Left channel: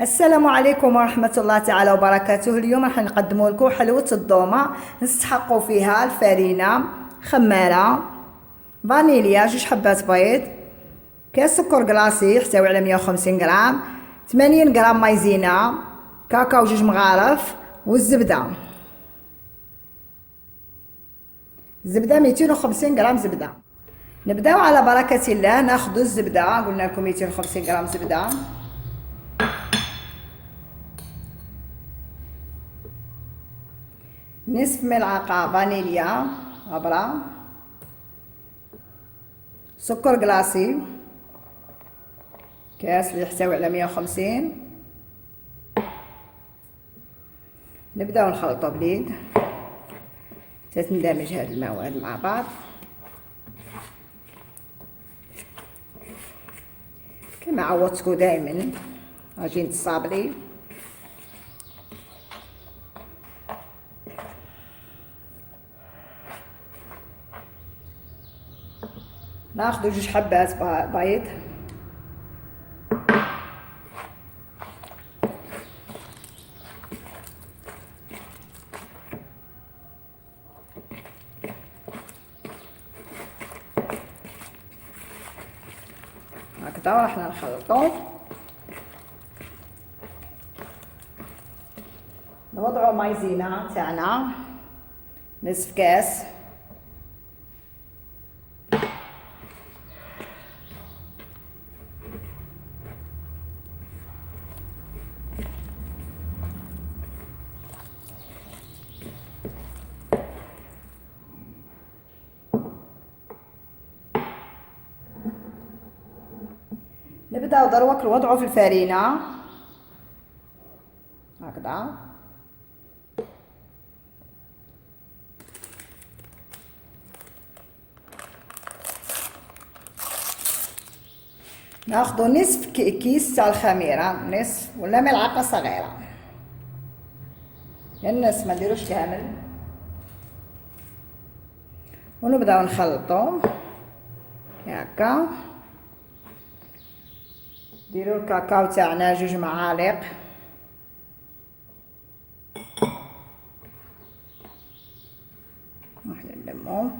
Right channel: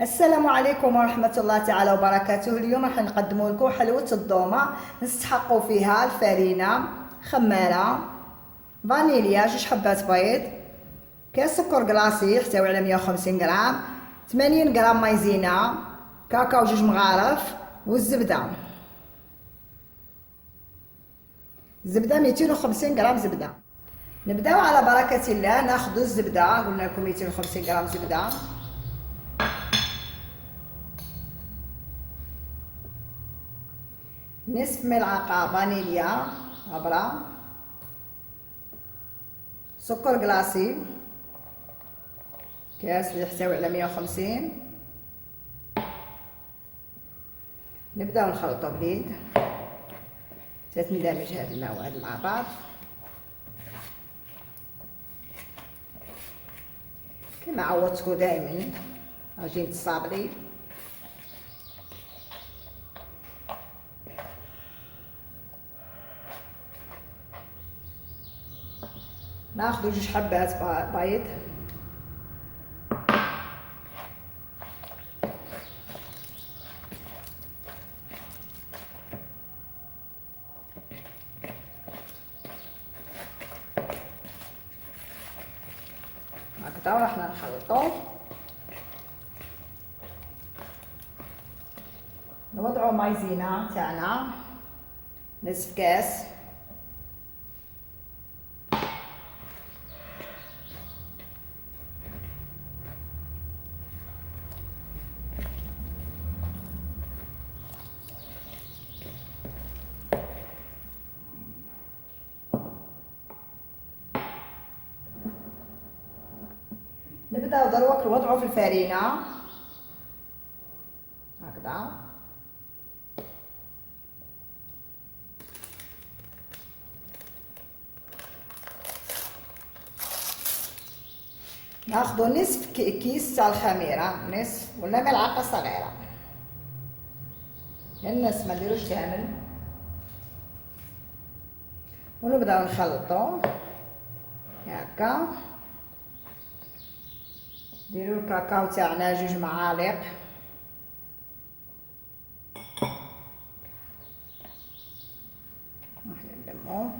السلام عليكم ورحمة الله تعالى وبركاته. اليوم راح نقدموا لكم حلوة الضومة نستحقوا فيها الفرينة، خمارة، فانيليا، 2 حبات بيض، كاس سكر كلاصي يحتوي على 150 غرام، 80 غرام مايزينا، كاكاو 2 مغارف، والزبدة. الزبدة 250 غرام زبدة. نبداو على بركة الله. ناخذ الزبدة، قلنا لكم 250 غرام زبدة، نصف ملعقة فانيليا غبرة، سكر كلاصي كاس اللي يحتوي على 150. نبداو نخلطو باليد حتى تندمج هاد المواد مع بعض كما عودتكم دائما. عجينة الصابلي ناخذ 2 حبات بيض، هكذا راح نخلطو. نوضعو مايزينا تاعنا نصف كاس، نبداو دروك نوضعو في الفرينة هكذا. ناخذ نصف كيس تاع الخميره، نصف ولا ملعقه صغيره، النصف ما نديروش كامل. ونبداو نخلطو هكا. نديرو الكاكاو تاعنا 2 معالق، واحد نلمو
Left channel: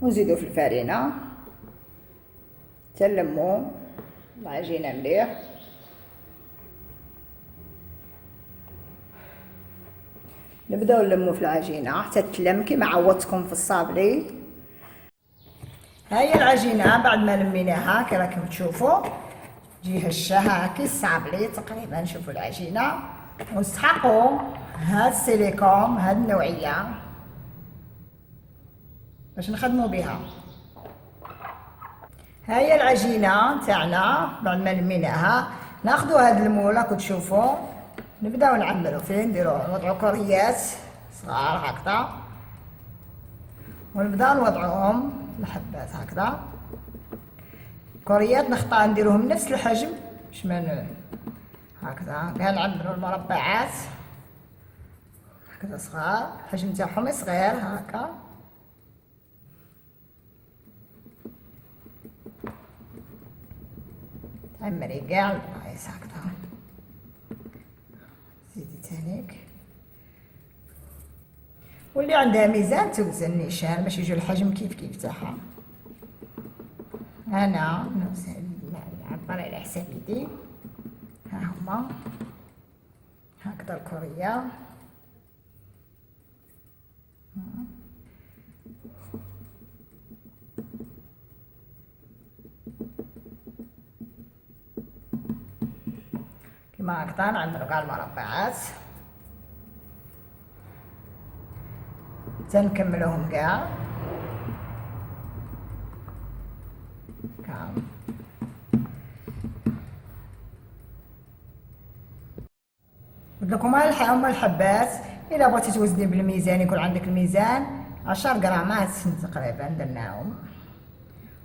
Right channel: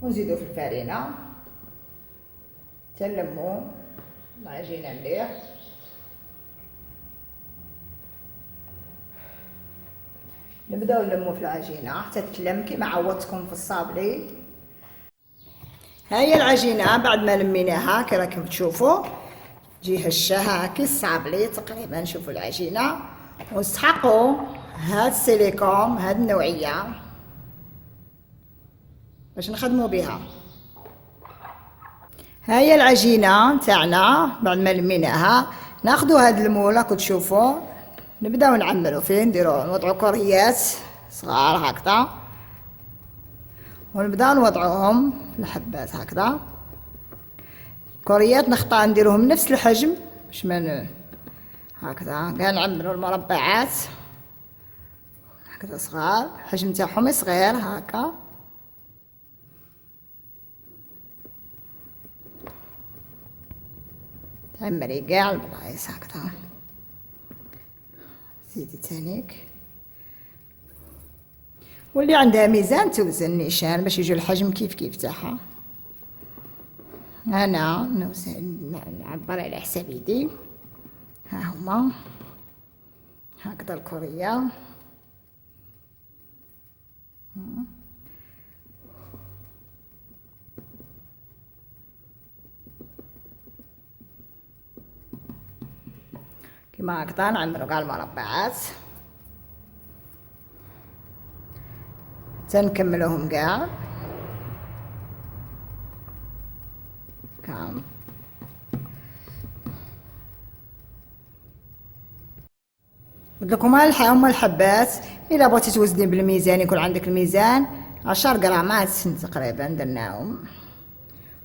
ونزيدو في الفرينة تنلمو العجينة مليح. نبداو نلمو في العجينة حتى تلم كيما عودتكم في الصابلي. هاهي العجينة بعد ما لميناها كي راكم تشوفوا تجي هشة هاكي الصابلي تقريبا. شوفوا العجينة. ونستحقوا هاد السيليكون هاد النوعية باش نخدموا بها. هاهي العجينة تاعنا بعد ما لميناها. ناخدو هاد المول راكم تشوفوا، نبداو نعملو فيه، نوضعو كوريات صغار هكذا، ونبداو نوضعوهم في الحبات هكذا. كوريات نخطا نديروهم نفس الحجم باش ما هكذا. كاع نعملو المربعات هكذا صغار، الحجم تاعهم صغير هكا. تعمري كاع البلايص هكذا. زيدي تانيك. واللي عندها ميزان توزن نيشان باش يجي الحجم كيف كيف تاعها. انا نعبر على حساب يدي. ها هما هكذا الكورية. كما هكذا نعملو كاع المربعات تنكملوهم كاع. قلت لكم هما الحبات. الا بغيتي توزني بالميزان يكون عندك الميزان 10 غرامات تقريبا درناهم.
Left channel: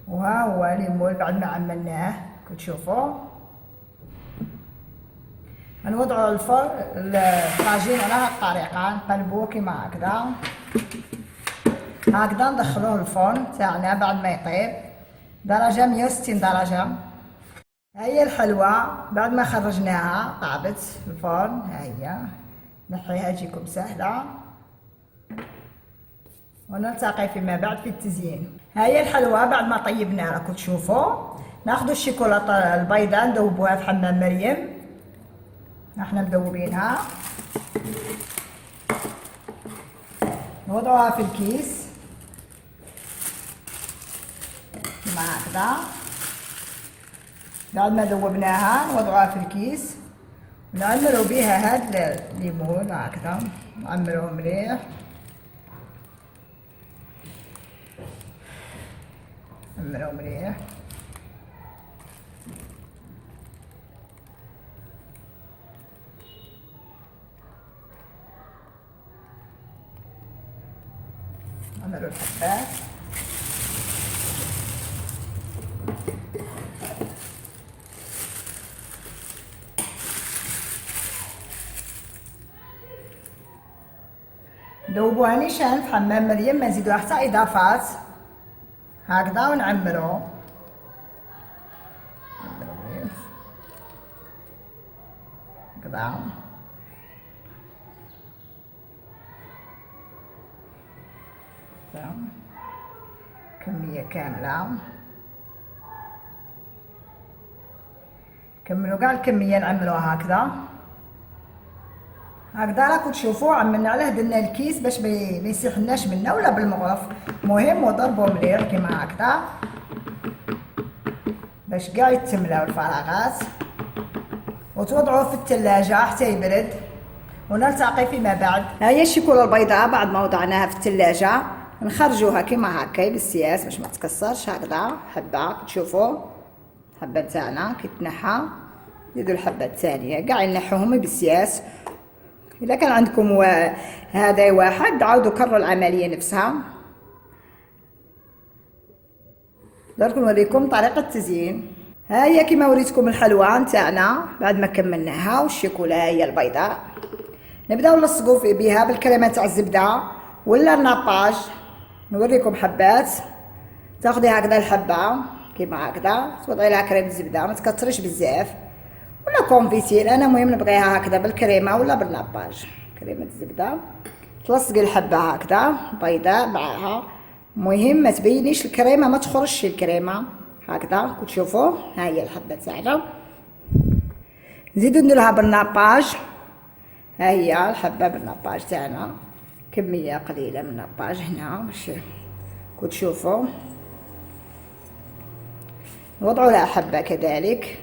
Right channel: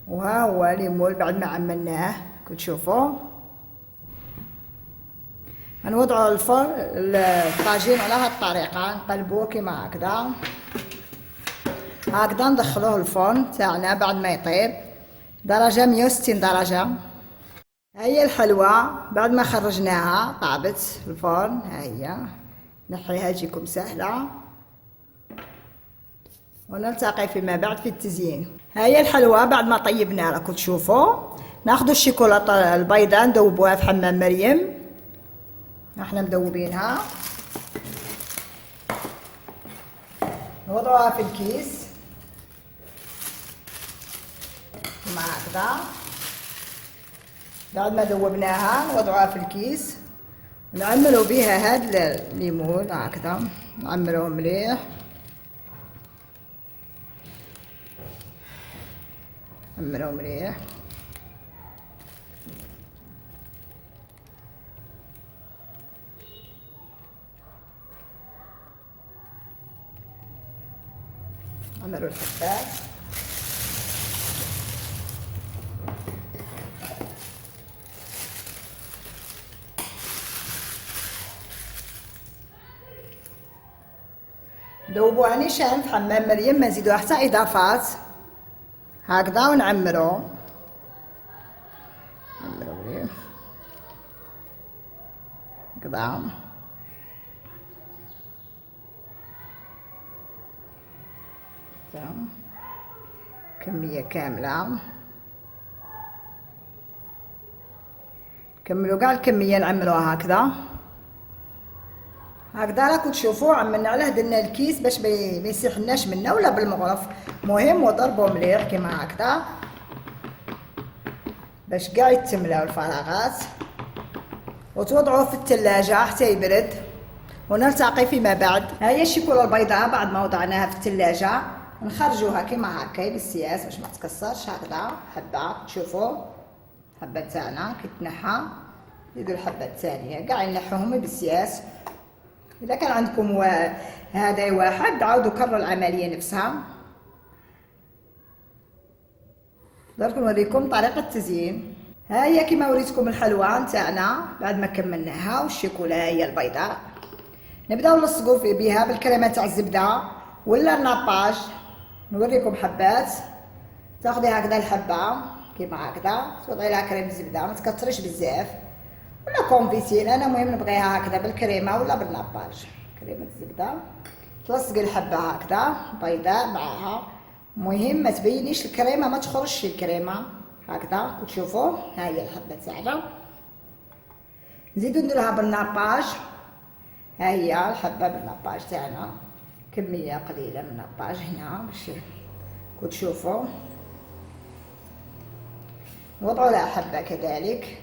وها هو ليمول بعد ما عملناه كتشوفوا. غنوضعوا الطاجين على هاد الطريقه، نقلبوه كيما هكذا. هكذا ندخلوه الفرن تاعنا بعد ما يطيب درجة 160 درجة. هي الحلوى بعد ما خرجناها طابت في الفرن، ها هي نحيها تجيكم سهلة، ونلتقي فيما بعد في التزيين. ها هي الحلوى بعد ما طيبناها راكم تشوفوا. ناخذ الشيكولاته البيضاء ندوبوها في حمام مريم، احنا مدوبينها، نوضعوها في الكيس كما هكذا. بعد ما ذوبناها نوضعوها في الكيس ونعمروا بها هاد الليمون هكذا، نعمروه مليح، نعمروه مليح. نعمروا الحبات، ذوبوها نيشان في حمام مريم، ما نزيدوها حتى اضافات هكذا، ونعمرو هكذا. كمية كاملة، كملوا كاع الكمية نعملوها هكذا. هكذا راكم تشوفوا عملنا عليه درنا الكيس باش ما يسيحلناش منا ولا بالمغرف، مهم وضربوا مليح كيما هكذا باش كاع يتملاو الفراغات، وتوضعوه في الثلاجة حتى يبرد، ونلتقي فيما بعد. ها هي الشيكولا البيضاء بعد ما وضعناها في الثلاجة نخرجوها كيما هكا بالسياس باش ما تكسرش، هكذا حبة تشوفوا حبة تاعنا كي تنحى زيدوا الحبة الثانية كاع ينحوهم بالسياس. إذا كان عندكم هذا واحد عاودوا كرروا العملية نفسها. درك نوريكم طريقة التزيين. ها هي كيما وريتكم الحلوى نتاعنا بعد ما كملناها، والشيكولا هي البيضاء. نبداو نلصقوا بها بالكريمة تاع الزبدة ولا الناباج. نوريكم حبات، تاخذي هكذا الحبة كيما هكذا، توضعي لها كريم الزبدة ما تكثريش بزاف، ولا كونفيتير، انا مهم نبغيها هكذا بالكريمه ولا بالناباج. كريمه الزبده تلصقي الحبه هكذا بيضاء معاها، مهم ما تبينيش الكريمه، ما تخرجش الكريمه هكذا كتشوفوا. ها هي الحبه تاعنا، نزيدو نديرها بالناباج. ها هي الحبه بالناباج تاعنا، كميه قليله من الناباج هنا باش كتشوفوا. نوضعوا لها حبه كذلك،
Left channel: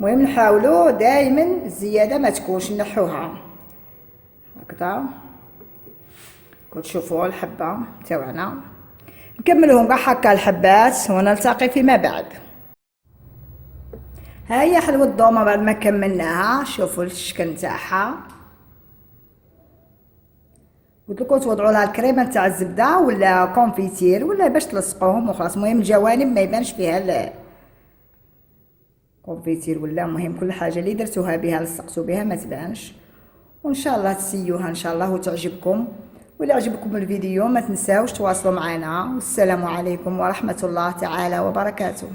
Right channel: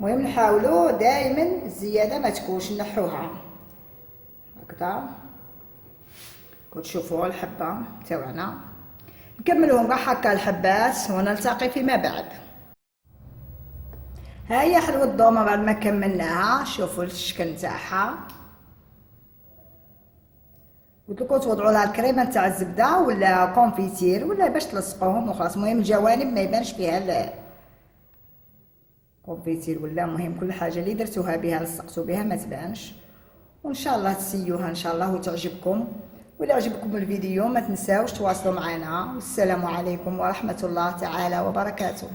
المهم نحاولوا دائما الزياده ما تكونش، نحوها هكذا كتشوفوا الحبه تاعنا. نكملوهم كاع هكا الحبات ونلتقي فيما بعد. ها هي حلوه الضومه بعد ما كملناها، شوفوا الشكل تاعها. قلت لكم توضعوا لها الكريمه تاع الزبده ولا كونفيتير ولا باش تلصقوهم وخلاص، المهم الجوانب ما يبانش فيها كونفيتير ولا، مهم كل حاجه اللي درتوها بها لصقتوا بها ما تبانش. وان شاء الله تسيوها ان شاء الله وتعجبكم. ولا عجبكم الفيديو ما تنساوش تواصلوا معنا، والسلام عليكم ورحمه الله تعالى وبركاته.